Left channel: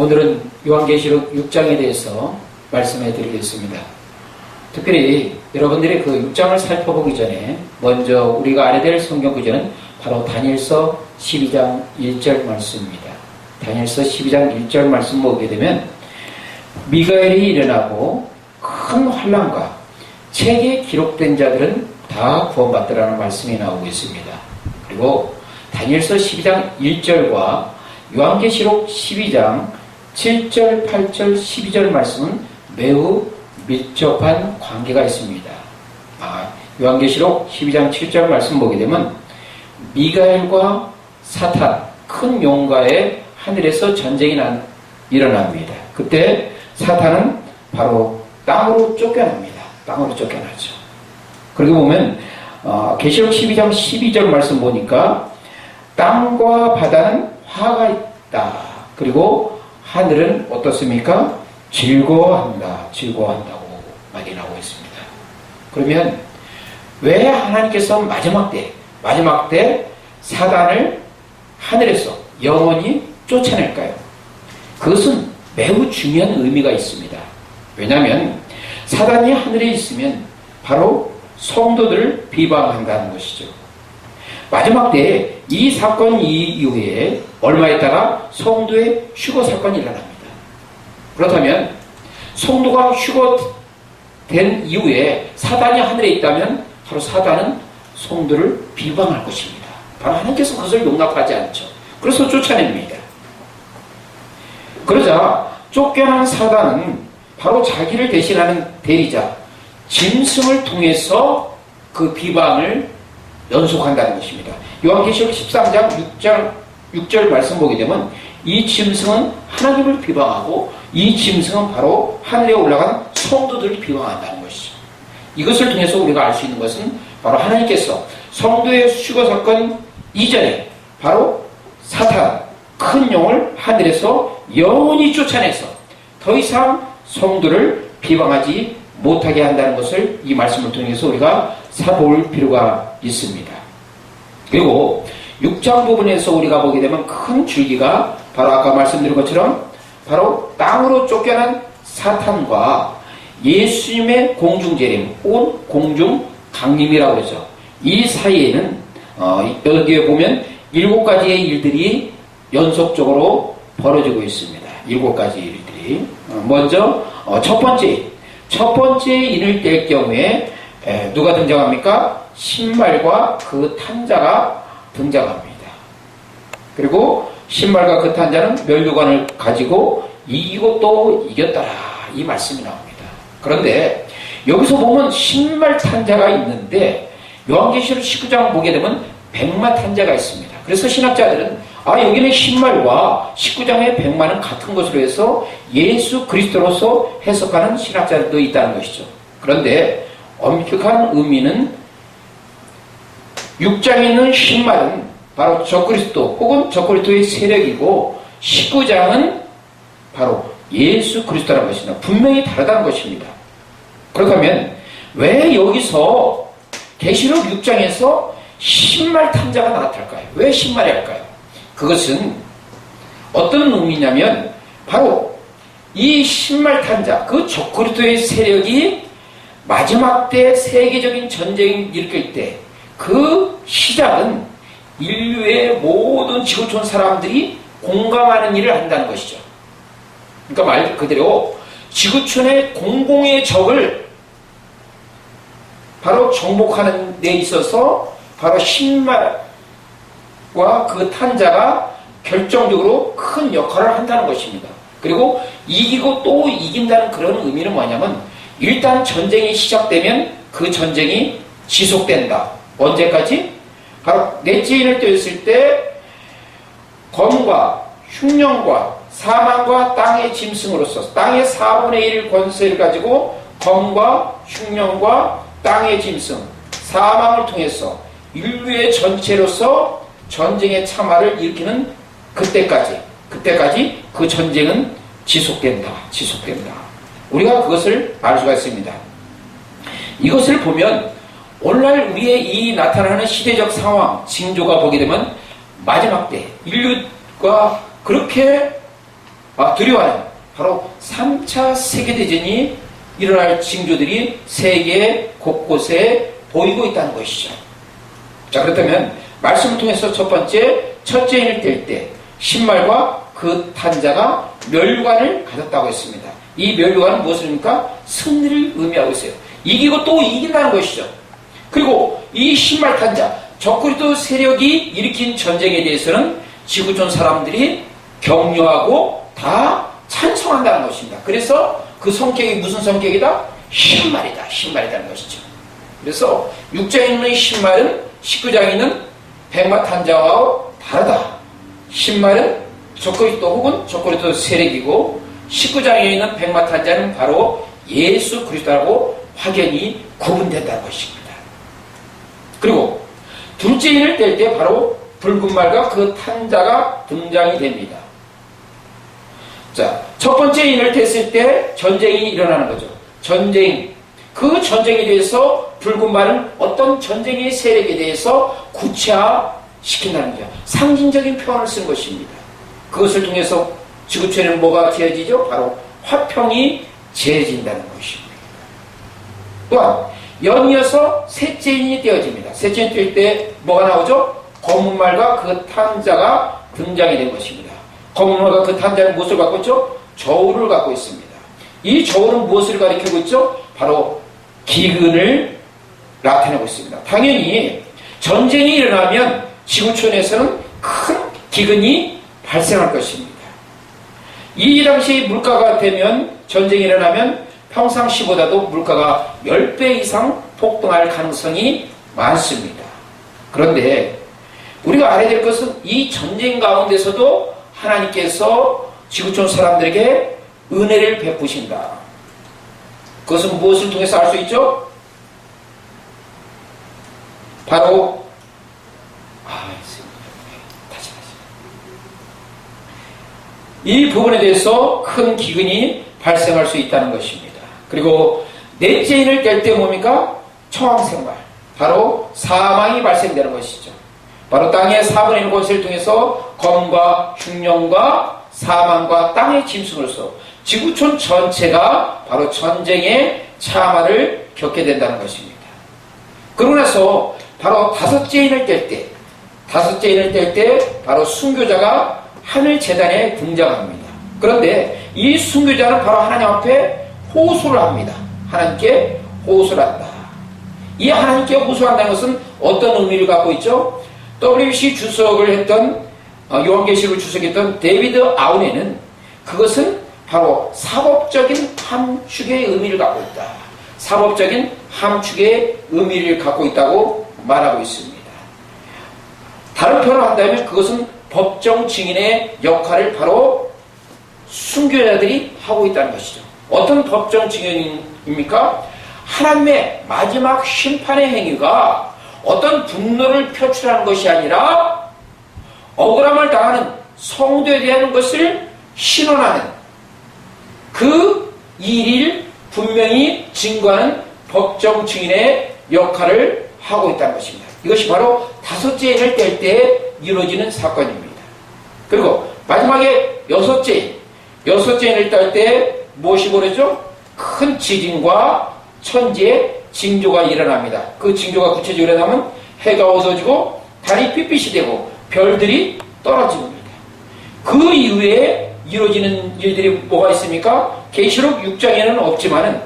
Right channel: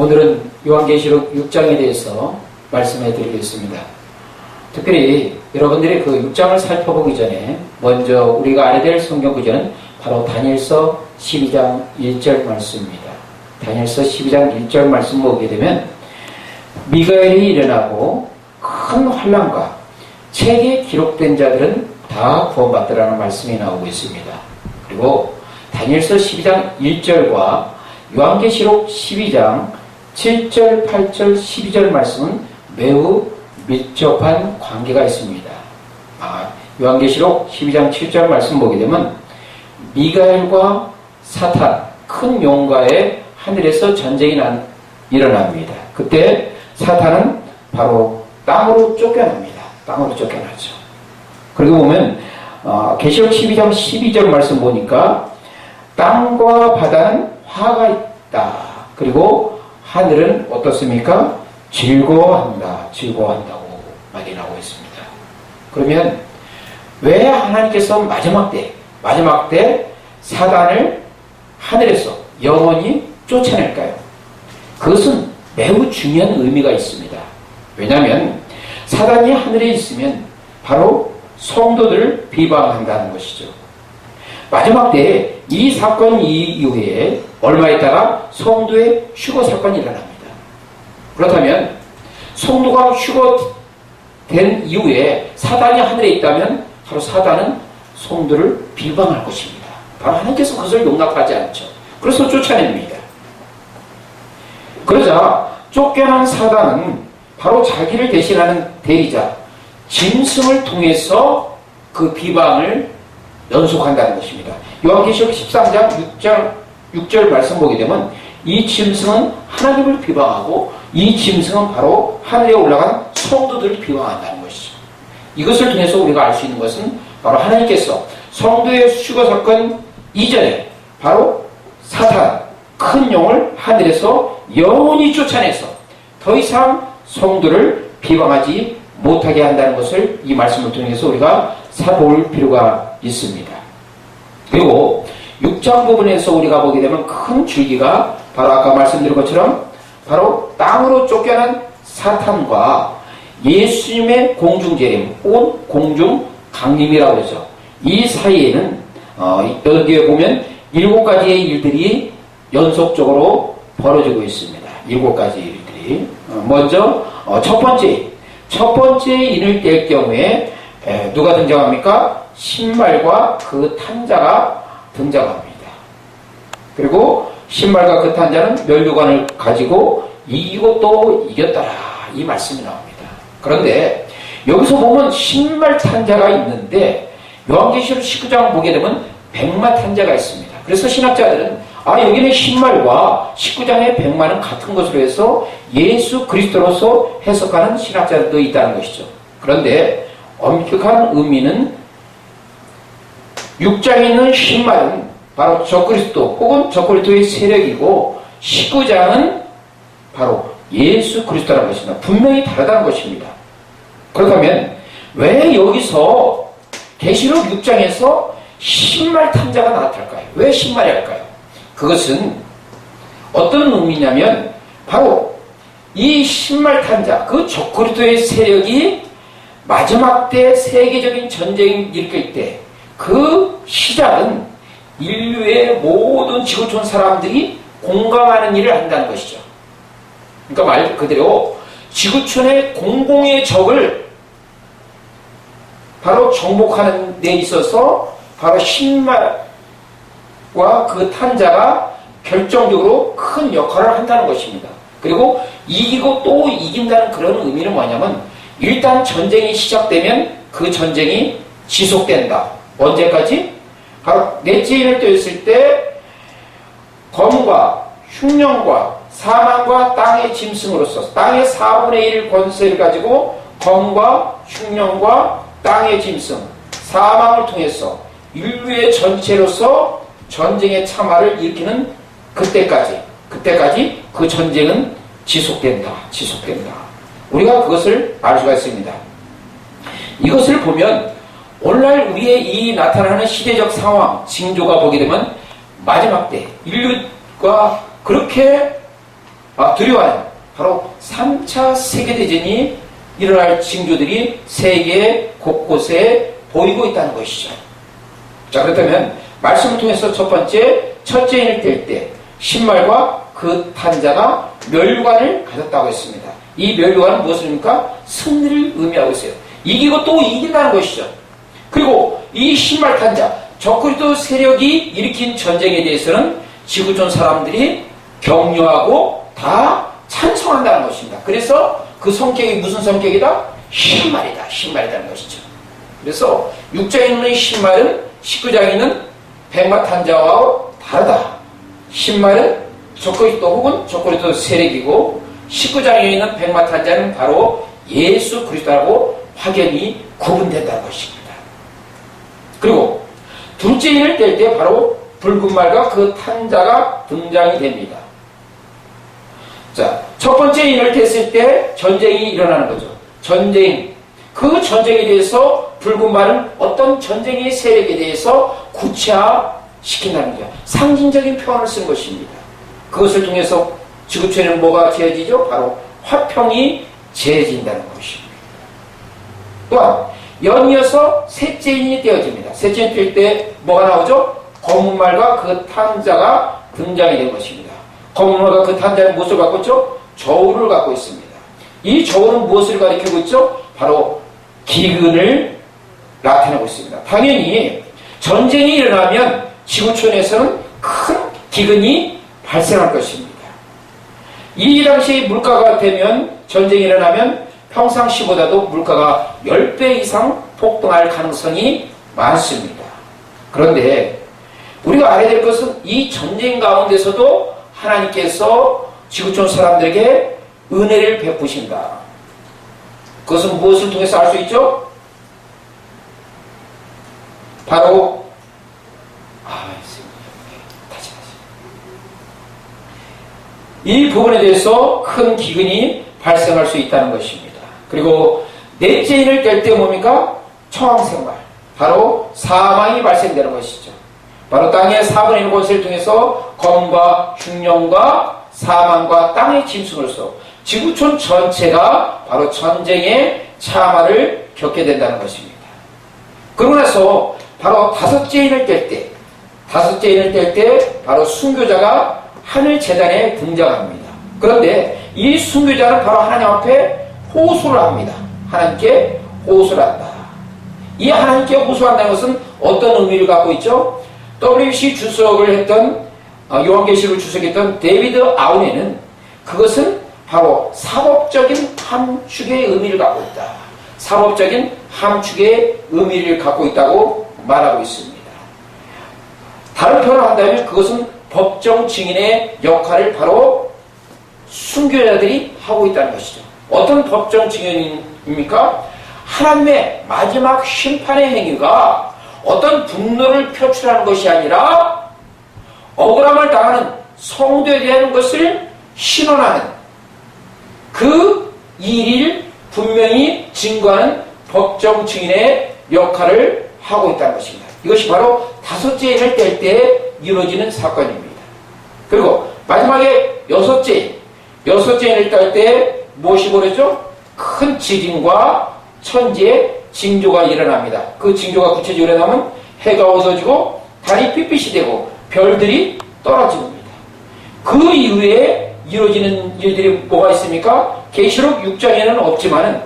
오늘은 요한계시록 6장에 대해서 말씀해 드리겠습니다. 특별히 여러분들이 그 6장을 살펴보기 전에 먼저 우리가 알아야 될 성경 구절은 바로 다니엘서 12장 1절 말씀입니다. 다니엘서 12장 1절 말씀 보게 되면 미가엘이 일어나고 큰 환난과 책에 기록된 자들은 다 구원받더라는 말씀이 나오고 있습니다. 그리고 다니엘서 12장 1절과 요한계시록 12장 7절, 8절, 12절 말씀은 매우 밀접한 관계가 있습니다. 요한계시록 12장 7절 말씀 보게 되면 미가엘과 사탄, 큰 용과의 하늘에서 전쟁이 일어납니다. 그때 사탄은 바로 땅으로 쫓겨납니다. 땅으로 쫓겨나죠. 그리고 보면 계시록 12장 12절 말씀 보니까 땅과 바다는 화가 있다. 그리고 하늘은 어떻습니까? 즐거워한다고 말이 나오고 있습니다. 그러면 왜 하나님께서 마지막 때 사단을 하늘에서 영원히 쫓아낼까요? 그것은 매우 중요한 의미가 있습니다. 왜냐하면 사단이 하늘에 있으면 바로 성도들을 비방한다는 것이죠. 마지막 때에 이 사건 이후에 얼마 있다가 성도의 휴거 사건이 일어납니다. 그렇다면 성도가 휴거된 이후에 사단이 하늘에 있다면 바로 사단은 성도를 비방할 것입니다. 바로 하나님께서 그것을 용납하지 않죠. 그래서 쫓아냅니다. 그러자 쫓겨난 사단은 바로 자기를 대신하는 대리자 짐승을 통해서 그 비방을 연속한다는 것입니다. 요한계시록 13장 6절 말씀 보게 되면 이 짐승은 하나님을 비방하고 이 짐승은 바로 하늘에 올라간 성도들을 비방한다는 것이죠. 이것을 통해서 우리가 알 수 있는 것은 바로 하나님께서 성도의 휴거 사건 이전에 바로 사탄, 큰 용을 하늘에서 영원히 쫓아내서 더 이상 성도를 비방하지 못하게 한다는 것을 이 말씀을 통해서 우리가 살펴볼 필요가 있습니다. 그리고 6장 부분에서 우리가 보게 되면 큰 줄기가 바로 아까 말씀드린 것처럼 바로 땅으로 쫓겨난 사탄과 예수님의 공중재림 혹은 공중강림이라고 그러죠. 이 사이에는 여기에 보면 7가지의 일들이 연속적으로 벌어지고 있습니다. 7가지 일들이. 먼저 첫 번째 인을 뗄 경우에 누가 등장합니까? 신발과 그 탄자가 등장합니다. 그리고 신발과 그 탄자는 면류관을 가지고 이기고 또 이겼더라 이 말씀이 나옵니다. 그런데 여기서 보면 신발 탄자가 있는데 요한계시록 19장 보게 되면 백마 탄자가 있습니다. 그래서 신학자들은 여기는 신발과 19장의 백마는 같은 것으로 해서 예수 그리스도로서 해석하는 신학자들도 있다는 것이죠. 그런데 엄격한 의미는 6장에 있는 신발은 바로 적그리스도 혹은 적그리스도의 세력이고 19장은 바로 예수 그리스도라는 것입니다. 분명히 다르다는 것입니다. 그렇다면 왜 여기서 계시록 6장에서 신발 탄자가 나타날까요? 왜 신발이 할까요? 그것은 어떤 의미냐면 바로 이 신발 탄자, 그 적그리스도의 세력이 마지막 때 세계적인 전쟁을 일으킬 때 그 시작은 인류의 모든 지구촌 사람들이 공감하는 일을 한다는 것이죠. 그러니까 말 그대로 지구촌의 공공의 적을 바로 정복하는 데 있어서 바로 신발과 그 탄자가 결정적으로 큰 역할을 한다는 것입니다. 그리고 이기고 또 이긴다는 그런 의미는 뭐냐면 일단 전쟁이 시작되면 그 전쟁이 지속된다. 언제까지? 바로 넷째 인을 떼었을 때 검과 흉령과 사망과 땅의 짐승으로서 땅의 4분의 1 권세를 가지고 검과 흉령과 땅의 짐승 사망을 통해서 인류의 전체로서 전쟁의 참화를 일으키는 그때까지 그 전쟁은 지속된다. 우리가 그것을 알 수가 있습니다. 이것을 보면 오늘날 우리의 이 나타나는 시대적 상황, 징조가 보게 되면 마지막 때 인류가 그렇게 두려워하는 바로 3차 세계대전이 일어날 징조들이 세계 곳곳에 보이고 있다는 것이죠. 자, 그렇다면 말씀을 통해서 첫 번째, 첫째 인을 뗄 때 신말과 그 탄 자가 멸관을 가졌다고 했습니다. 이 멸관은 무엇입니까? 승리를 의미하고 있어요. 이기고 또 이긴다는 것이죠. 그리고 이 신말 탄 자, 적그리스도 세력이 일으킨 전쟁에 대해서는 지구촌 사람들이 격려하고 다 찬성한다는 것입니다. 그래서 그 성격이 무슨 성격이다? 신말이다. 신말이라는 것이죠. 그래서 6장에 있는 신말은 19장에 있는 백마탄자와 다르다. 신말은 적그리스도 혹은 적그리스도 세력이고 19장에 있는 백마탄자는 바로 예수 그리스도라고 확연히 구분된다는 것입니다. 그리고 둘째 인을 뗄 때 바로 붉은 말과 그 탄자가 등장이 됩니다. 자, 첫 번째 인을 뗐을 때 전쟁이 일어나는 거죠. 전쟁. 그 전쟁에 대해서 붉은 말은 어떤 전쟁의 세력에 대해서 구체화시킨다는 거죠. 상징적인 표현을 쓴 것입니다. 그것을 통해서 지구촌에는 뭐가 지어지죠? 바로 화평이 지어진다는 것입니다. 또한 연이어서 셋째 인이 떼어집니다. 셋째 인이 뗄 때 뭐가 나오죠? 검은 말과 그 탄자가 등장이 된 것입니다. 검은 말과 그 탄자는 무엇을 갖고 있죠? 저울을 갖고 있습니다. 이 저울은 무엇을 가리키고 있죠? 바로 기근을 나타내고 있습니다. 당연히 전쟁이 일어나면 지구촌에서는 큰 기근이 발생할 것입니다. 이 당시 물가가 되면 전쟁이 일어나면 평상시보다도 물가가 10배 이상 폭등할 가능성이 많습니다. 그런데 우리가 알아야 될 것은 이 전쟁 가운데서도 하나님께서 지구촌 사람들에게 은혜를 베푸신다. 그것은 무엇을 통해서 알 수 있죠? 바로 이 부분에 대해서 큰 기근이 발생할 수 있다는 것입니다. 그리고 넷째 인을 뗄 때 뭡니까? 처왕생활. 바로 사망이 발생되는 것이죠. 바로 땅의 4분의 1 권세를 통해서 검과 흉년과 사망과 땅의 짐승으로서 지구촌 전체가 바로 전쟁의 참화를 겪게 된다는 것입니다. 그러고 나서 바로 다섯째 인을 뗄 때 바로 순교자가 하늘 재단에 등장합니다. 그런데 이 순교자는 바로 하나님 앞에 호소를 합니다. 하나님께 호소를 한다. 이 하나님께 호소한다는 것은 어떤 의미를 갖고 있죠? WBC 주석을 했던 요한계시록을 주석했던 데이비드 아우네는 그것은 바로 사법적인 함축의 의미를 갖고 있다. 사법적인 함축의 의미를 갖고 있다고 말하고 있습니다. 다른 표현을 한다면 그것은 법정 증인의 역할을 바로 순교자들이 하고 있다는 것이죠. 어떤 법정 증인입니까? 하나님의 마지막 심판의 행위가 어떤 분노를 표출하는 것이 아니라 억울함을 당하는 성도에 대한 것을 신원하는 그 일을 분명히 증거하는 법정 증인의 역할을 하고 있다는 것입니다. 이것이 바로 다섯째 인을 뗄 때 이루어지는 사건입니다. 그리고 마지막에 여섯째 인을 뗄 때 무엇이 벌어지죠? 큰 지진과 천지의 징조가 일어납니다. 그 징조가 구체적으로 일어나면 해가 어두워지고 달이 삐빛이 되고 별들이 떨어집니다. 그 이후에 이루어지는 일들이 뭐가 있습니까? 계시록 6장에는 없지만은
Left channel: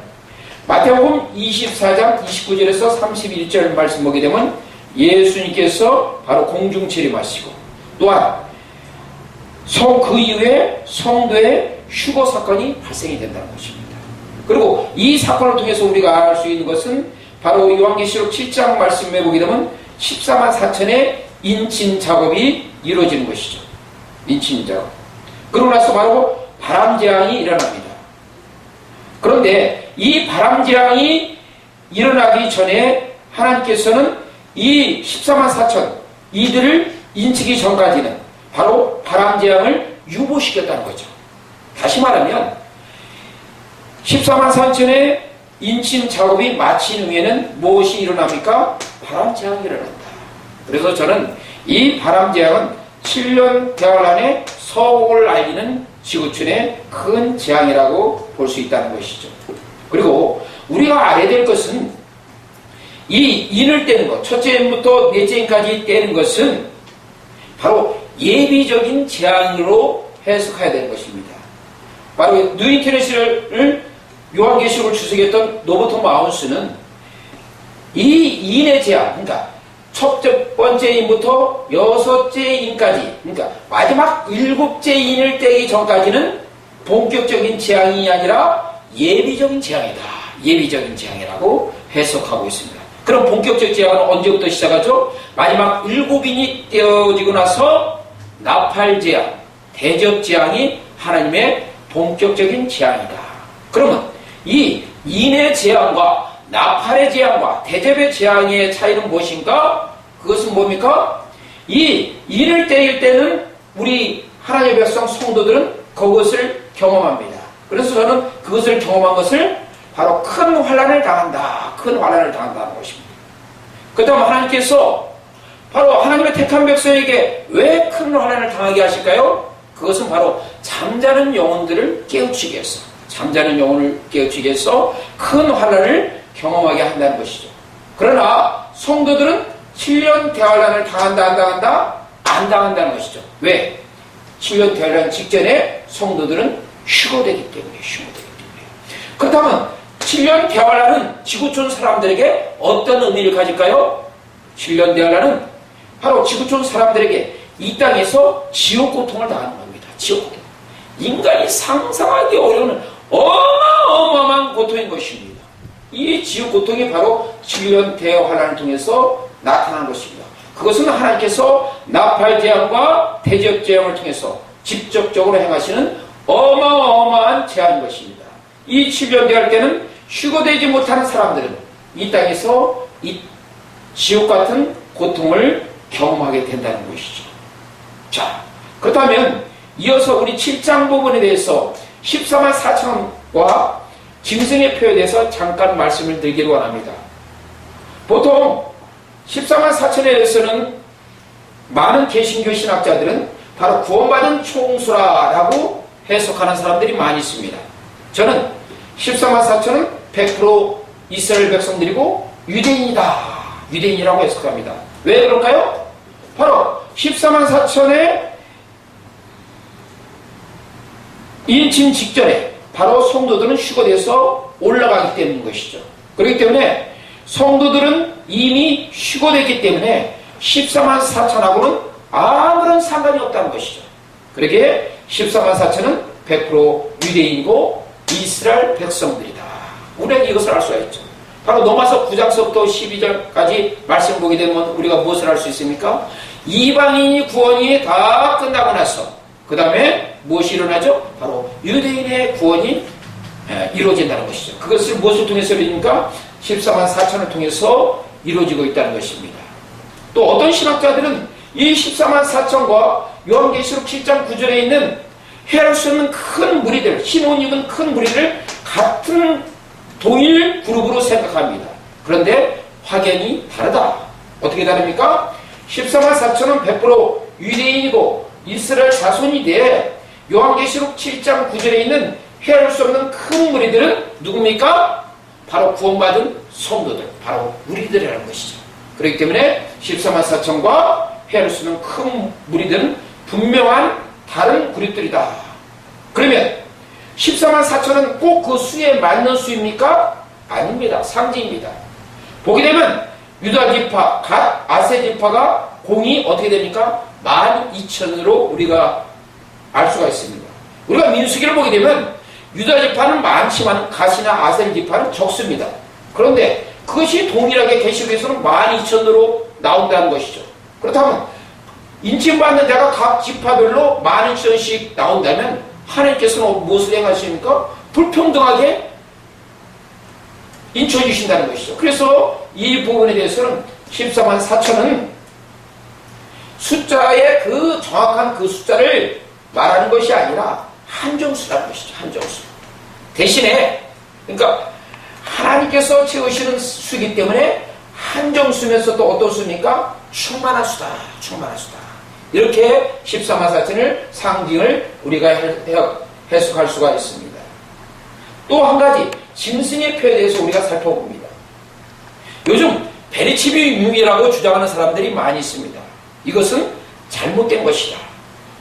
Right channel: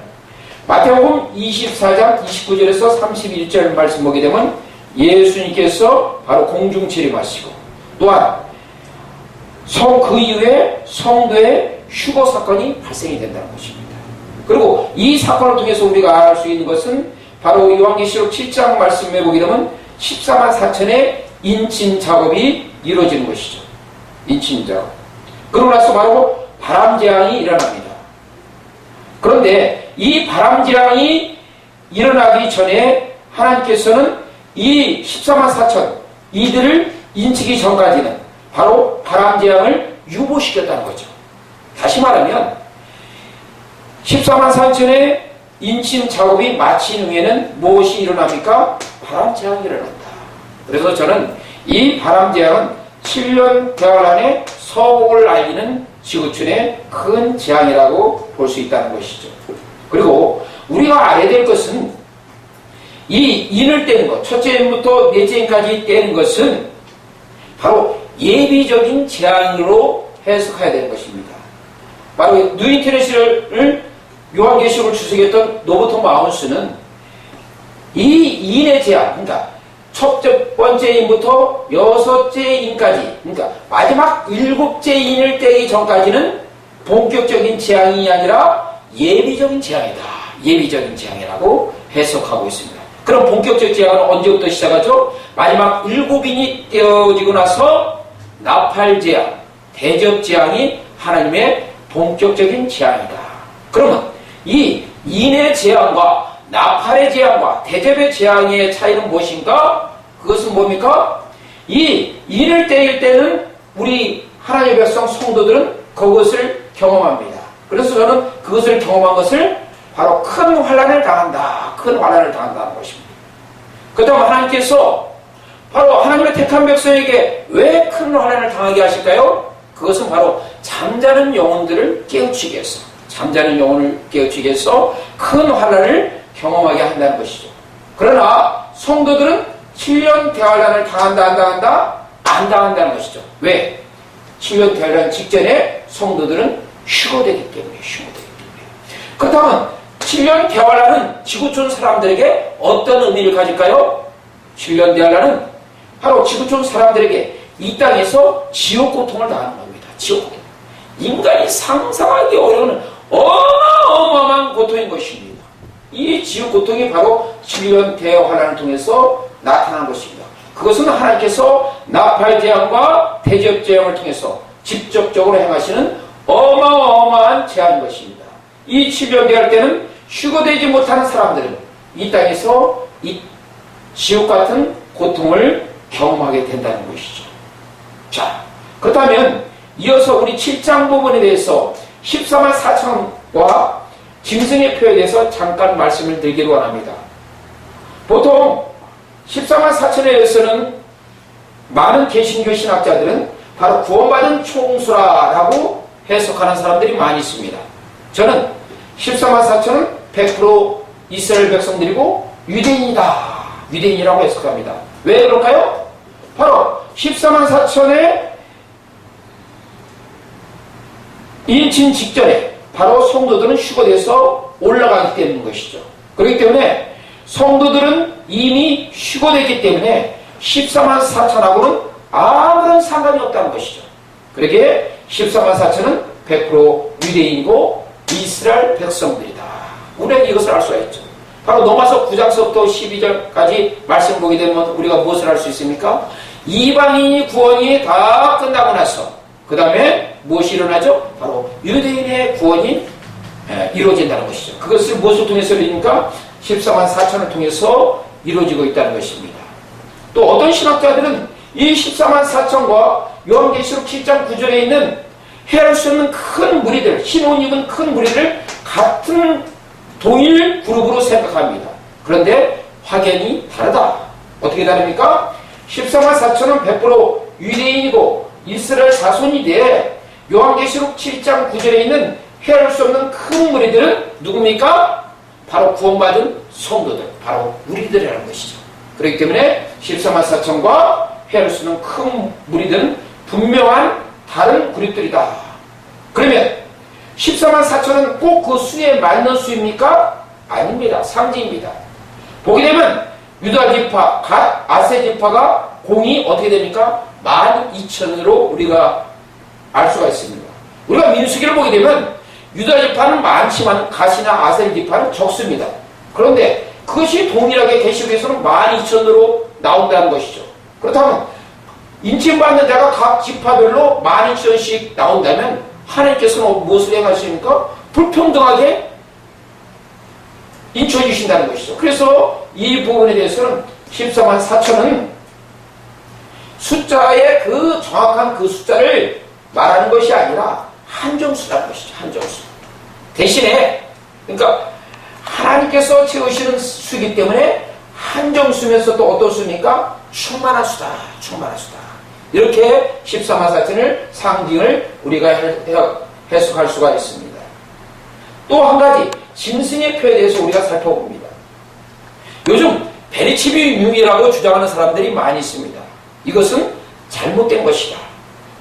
마태복음 24장 29절에서 31절 말씀 보게 되면 예수님께서 바로 공중 재림하시고 또한 그 이후에 성도의 휴거 사건이 발생이 된다는 것입니다. 그리고 이 사건을 통해서 우리가 알 수 있는 것은 바로 요한계시록 7장 말씀에 보게 되면 14만 4천의 인친 작업이 이루어지는 것이죠. 인친 작업. 그러고 나서 바로 바람재앙이 일어납니다. 그런데 이 바람재앙이 일어나기 전에 하나님께서는 이 14만 4천 이들을 인치기 전까지는 바로 바람재앙을 유보시켰다는 거죠. 다시 말하면 14만 4천의 인침 작업이 마친 후에는 무엇이 일어납니까? 바람재앙이 일어난다. 그래서 저는 이 바람재앙은 7년 대활 안에 서곡을 알리는 지구촌의 큰 재앙이라고 볼 수 있다는 것이죠. 그리고 우리가 알아야 될 것은 이 인을 떼는 것, 첫째 인부터 넷째 인까지 떼는 것은 바로 예비적인 재앙으로 해석해야 되는 것입니다. 바로 뉴 인터내셔널을 요한계시록을 주석했던 노버트 마운스는 이 인의 재앙, 그러니까 첫 번째 인부터 여섯째 인까지, 그러니까 마지막 일곱째 인을 떼기 전까지는 본격적인 재앙이 아니라 예비적인 재앙이다. 예비적인 재앙이라고 해석하고 있습니다. 그럼 본격적 재앙은 언제부터 시작하죠? 마지막 일곱 인이 떼어지고 나서 나팔 재앙, 대접 재앙이 하나님의 본격적인 재앙이다. 그러면 이 인의 재앙과 나팔의 재앙과 대접의 재앙의 차이는 무엇인가? 그것은 뭡니까? 이 인을 떼일 때는 우리 하나님의 백성 성도들은 그것을 경험합니다. 그래서 저는 그것을 경험한 것을 바로 큰 환난을 당한다. 큰 환난을 당한다는 것입니다. 그 다음 하나님께서 바로 하나님의 택한 백성에게 왜 큰 환난을 당하게 하실까요? 그것은 바로 잠자는 영혼들을 깨우치기 위해서, 잠자는 영혼을 깨우치기 위해서 큰 환난을 경험하게 한다는 것이죠. 그러나 성도들은 7년 대환란을 당한다, 안 당한다? 안 당한다는 것이죠. 왜? 7년 대환란 직전에 성도들은 휴거되기 때문에, 그렇다면 7년 대환란은 지구촌 사람들에게 어떤 의미를 가질까요? 7년 대환란은 바로 지구촌 사람들에게 이 땅에서 지옥 고통을 당하는 겁니다. 지옥 고통. 인간이 상상하기 어려운 어마어마한 고통인 것입니다. 이 지옥 고통이 바로 7년 대환란을 통해서 나타난 것입니다. 그것은 하나님께서 나팔 재앙과 대접 재앙을 통해서 직접적으로 행하시는 어마어마한 재앙인 것입니다. 이 7년 대할 때는 휴거되지 못하는 사람들은 이 땅에서 이 지옥 같은 고통을 경험하게 된다는 것이죠. 자, 그렇다면 이어서 우리 7장 부분에 대해서 14만 4천과 짐승의 표에 대해서 잠깐 말씀을 드리기로 원합니다. 보통 14만 4천에 대해서는 많은 개신교 신학자들은 바로 구원받은 총수라고 해석하는 사람들이 많이 있습니다. 저는 14만 4천은 100% 이스라엘 백성들이고 유대인이다. 유대인이라고 해석합니다. 왜 그럴까요? 바로 14만 4천의 인친 직전에 바로 성도들은 휴거돼서 올라가기 때문인 것이죠. 그렇기 때문에 성도들은 이미 휴거됐기 때문에 14만 4천하고는 아무런 상관이 없다는 것이죠. 그러기에 14만 4천은 100% 유대인이고 이스라엘 백성들이다. 우리가 이것을 알 수가 있죠. 바로 로마서 9장서부터 12절까지 말씀 보게 되면 우리가 무엇을 알 수 있습니까? 이방인이 구원이 다 끝나고 나서 그 다음에 무엇이 일어나죠? 바로 유대인의 구원이 이루어진다는 것이죠. 그것을 무엇을 통해서 이루니까 14만 4천을 통해서 이루어지고 있다는 것입니다. 또 어떤 신학자들은 이 14만 4천과 요한계시록 7장 9절에 있는 헤아릴 수 없는 큰 무리들, 흰옷 입은 큰 무리들 같은 동일 그룹으로 생각합니다. 그런데 확연히 다르다. 어떻게 다릅니까? 14만 4천은 100% 유대인이고 이스라엘 자손인데 요한계시록 7장 9절에 있는 헤아릴 수 없는 큰 무리들은 누굽니까? 바로 구원받은 성도들, 바로 우리들이라는 것이죠. 그렇기 때문에 14만 4천과 헤아릴 수 없는 큰 무리들은 분명한 다른 그룹들이다. 그러면 14만 4천은 꼭 그 수에 맞는 수입니까? 아닙니다. 상징입니다. 보게 되면 유다 지파, 갓, 아세 지파가 공이 어떻게 됩니까? 12,000으로 우리가 알 수가 있습니다. 우리가 민수기를 보게 되면 유다 지파는 많지만 갓이나 아세 지파는 적습니다. 그런데 그것이 동일하게 계시록에서는 12,000으로 나온다는 것이죠. 그렇다면 인침받는 자가 각 지파별로 12,000씩 나온다면 하나님께서는 무엇을 행하십니까? 불평등하게 인쳐해 주신다는 것이죠. 그래서 이 부분에 대해서는 14만 4천은 숫자의 그 정확한 그 숫자를 말하는 것이 아니라 한정수라는 것이죠. 한정수. 대신에 그러니까 하나님께서 채우시는 수이기 때문에 한정수면서 또 어떤 수입니까? 충만한 수다. 충만한 수다. 이렇게 14만 4천을 상징을 우리가 해석할 수가 있습니다. 또 한 가지 짐승의 표에 대해서 우리가 살펴봅니다. 요즘 베리치비융이라고 주장하는 사람들이 많이 있습니다. 이것은 잘못된 것이다.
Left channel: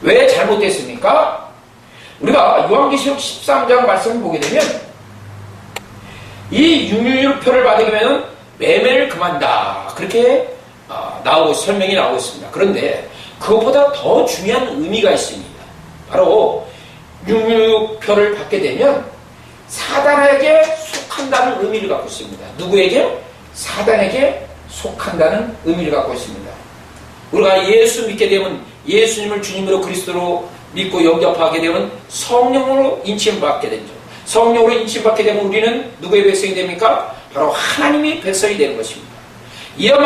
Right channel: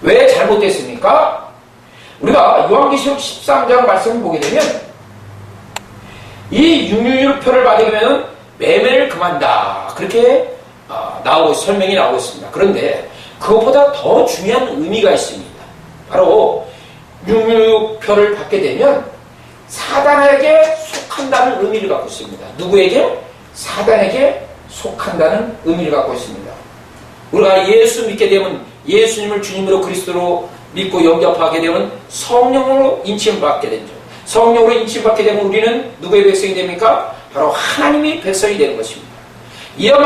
왜 잘못됐습니까? 우리가 요한계시록 13장 말씀을 보게 되면 이 융유표를 받게 되면 매매를 금한다. 그렇게 설명이 나오고 있습니다. 그런데 그것보다 더 중요한 의미가 있습니다. 바로 융유표를 받게 되면 사단에게 속한다는 의미를 갖고 있습니다. 누구에게? 사단에게 속한다는 의미를 갖고 있습니다. 우리가 예수 믿게 되면 예수님을 주님으로 그리스도로 믿고 영접하게 되면 성령으로 인침받게 되죠. 성령으로 인침받게 되면 우리는 누구의 백성이 됩니까? 바로 하나님의 백성이 되는 것입니다. 이와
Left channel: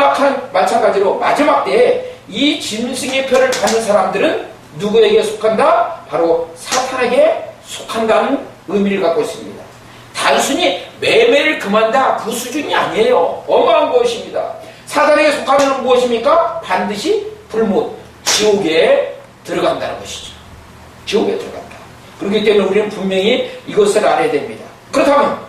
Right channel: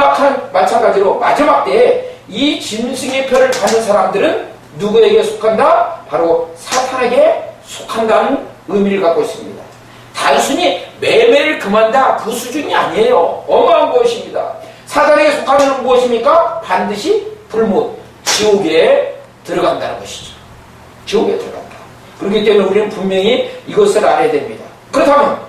마찬가지로 마지막 때에 이 짐승의 표를 받는 사람들은 누구에게 속한다? 바로 사탄에게 속한다는 의미를 갖고 있습니다. 단순히 매매를 금한다 그 수준이 아니에요. 어마어마한 것입니다. 사단에게 속하면 무엇입니까? 반드시 불못, 지옥에 들어간다는 것이죠. 지옥에 들어간다. 그렇기 때문에 우리는 분명히 이것을 알아야 됩니다. 그렇다면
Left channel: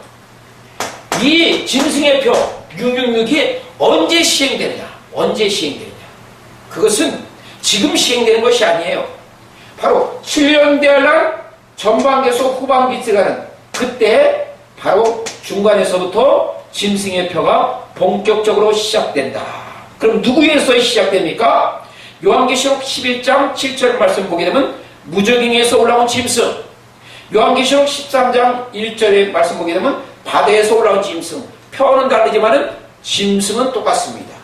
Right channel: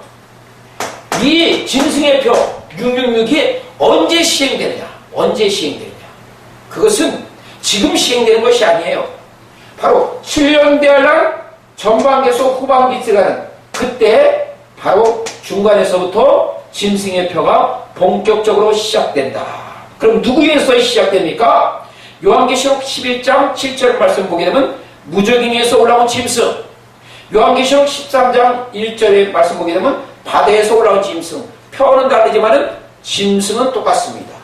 이 짐승의 표 666이 언제 시행되느냐? 언제 시행되느냐? 그것은 지금 시행되는 것이 아니에요. 바로 7년 대환란 전반기에서 후반기 들어가는 그때 바로 중간에서부터 짐승의 표가 본격적으로 시작된다. 그럼 누구에서 시작됩니까? 요한계시록 11장 7절 말씀 보게 되면 무적행에서 올라온 짐승, 요한계시록 13장 1절의 말씀 보게 되면 바다에서 올라온 짐승, 표는 다르지만 짐승은 똑같습니다.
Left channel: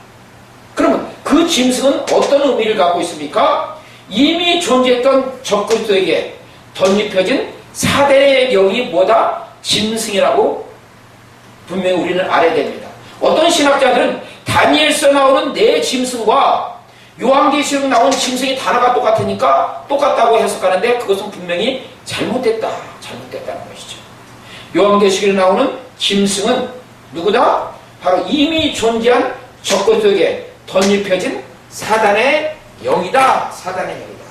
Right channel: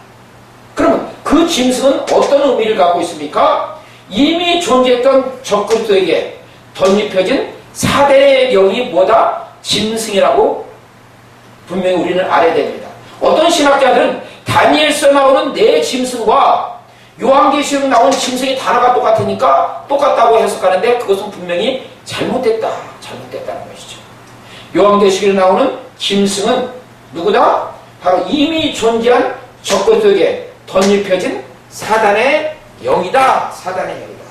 그러면 그 짐승은 어떤 의미를 갖고 있습니까? 이미 존재했던 적그리스도에게 덧입혀진 사대의 영이 뭐다? 짐승이라고 분명히 우리는 알아야 됩니다. 어떤 신학자들은 다니엘서 나오는 네 짐승과 요한계시록 나온 짐승이 단어가 똑같으니까 똑같다고 해석하는데 그것은 분명히 잘못됐다는 것이죠. 요한계시록에 나오는 짐승은 누구다? 바로 이미 존재한 적그리스도에게 덧입혀진 사단의 영이다. 사단의 영이다.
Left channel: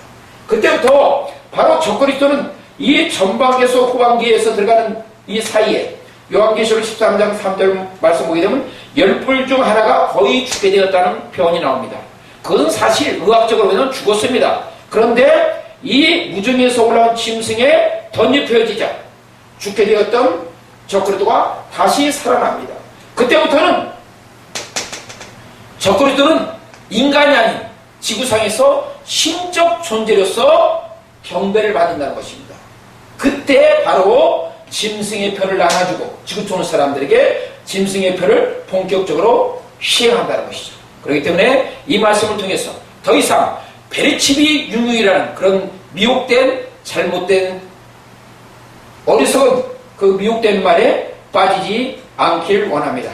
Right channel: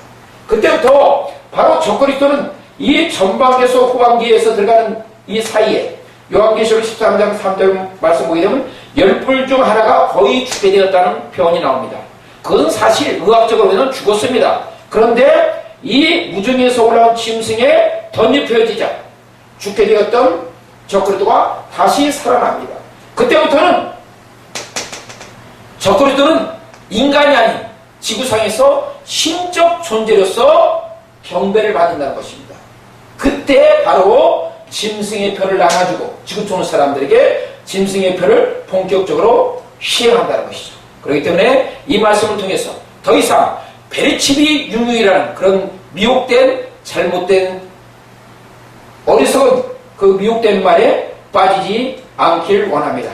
그때부터 바로 적그리스도는 이 전반기에서 후반기에서 들어가는 이 사이에 요한계시록 13장 3절 말씀 보게 되면 10불 중 하나가 거의 죽게 되었다는 표현이 나옵니다. 그건 사실 의학적으로는 죽었습니다. 그런데 이 무중에서 올라온 짐승에 덧입혀지자 죽게 되었던 적그리스도가 다시 살아납니다. 그때부터는 적그리스도는 인간이 아닌 지구상에서 신적 존재로서 경배를 받는다는 것입니다. 그때 바로 짐승의 표를 나눠주고 지구촌 사람들에게 짐승의 표를 본격적으로 시행한다는 것이죠. 그렇기 때문에 이 말씀을 통해서 더 이상 베리치비 융유이라는 그런 미혹된 잘못된 어리석은 그 미혹된 말에 빠지지 않길 원합니다.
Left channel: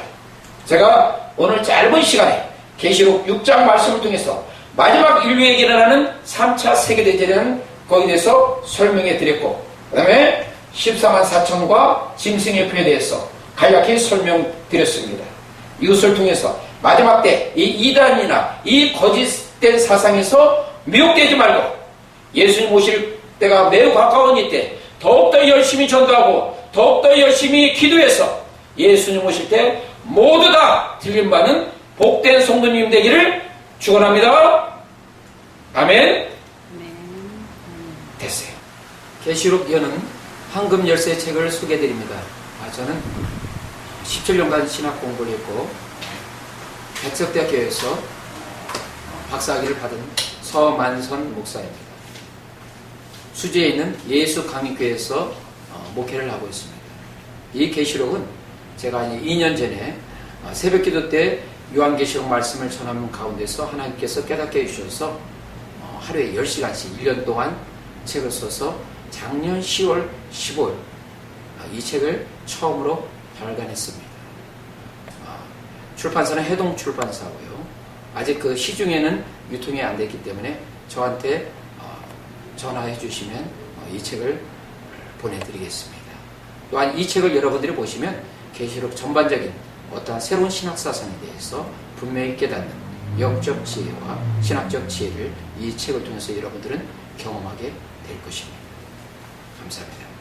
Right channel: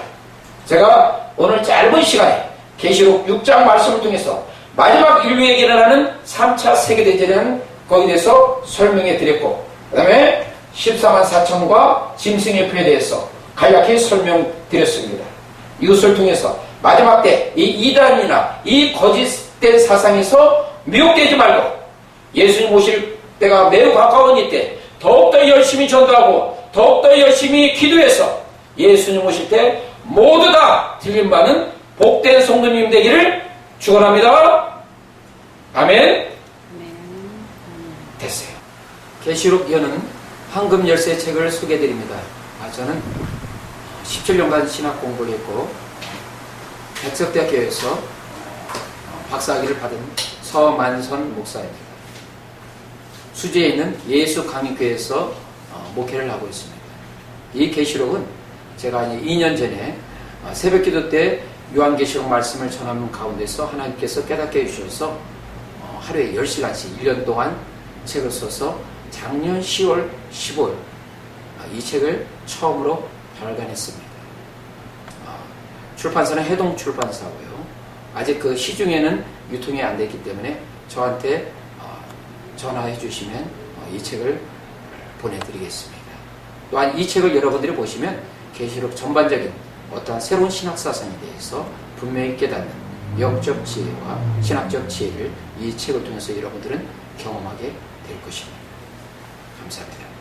제가 오늘 짧은 시간에 계시록 6장 말씀을 통해서 마지막 인류에게 일어나는 3차 세계대전이라는 거기에 대해서 설명해 드렸고 그 다음에 14만 4천과 짐승의 표에 대해서 간략히 설명드렸습니다. 이것을 통해서 마지막 때 이 이단이나 이 거짓된 사상에서 미혹되지 말고 예수님 오실 때가 매우 가까운 이때 더욱더 열심히 전도하고 더욱더 열심히 기도해서 예수님 오실 때 모두 다 들림받는 복된 성도님 되기를 축원합니다. 아멘. 됐어요. 계시록 여는 황금 열쇠 책을 소개해드립니다. 저는 17년간 신학 공부를 했고 백석대학교에서 박사학위를 받은 서만선 목사입니다. 수지에 있는 예수강의교회에서 목회를 하고 있습니다. 이 계시록은 제가 2년 전에 새벽기도 때 요한계시록 말씀을 전하는 가운데서 하나님께서 깨닫게 해주셔서 하루에 10시간씩 1년 동안 책을 써서 작년 10월, 15일 이 책을 처음으로 발간했습니다. 출판사는 해동 출판사고요. 아직 그 시중에는 유통이 안 됐기 때문에 저한테 전화해 주시면 이 책을 보내드리겠습니다. 또한 이 책을 여러분들이 보시면 계시록 전반적인 어떠한 새로운 신학사상에 대해서 분명히 깨닫는 영적 지혜와 신학적 지혜를 이 책을 통해서 여러분들은 경험하게 될 것입니다. 감사합니다.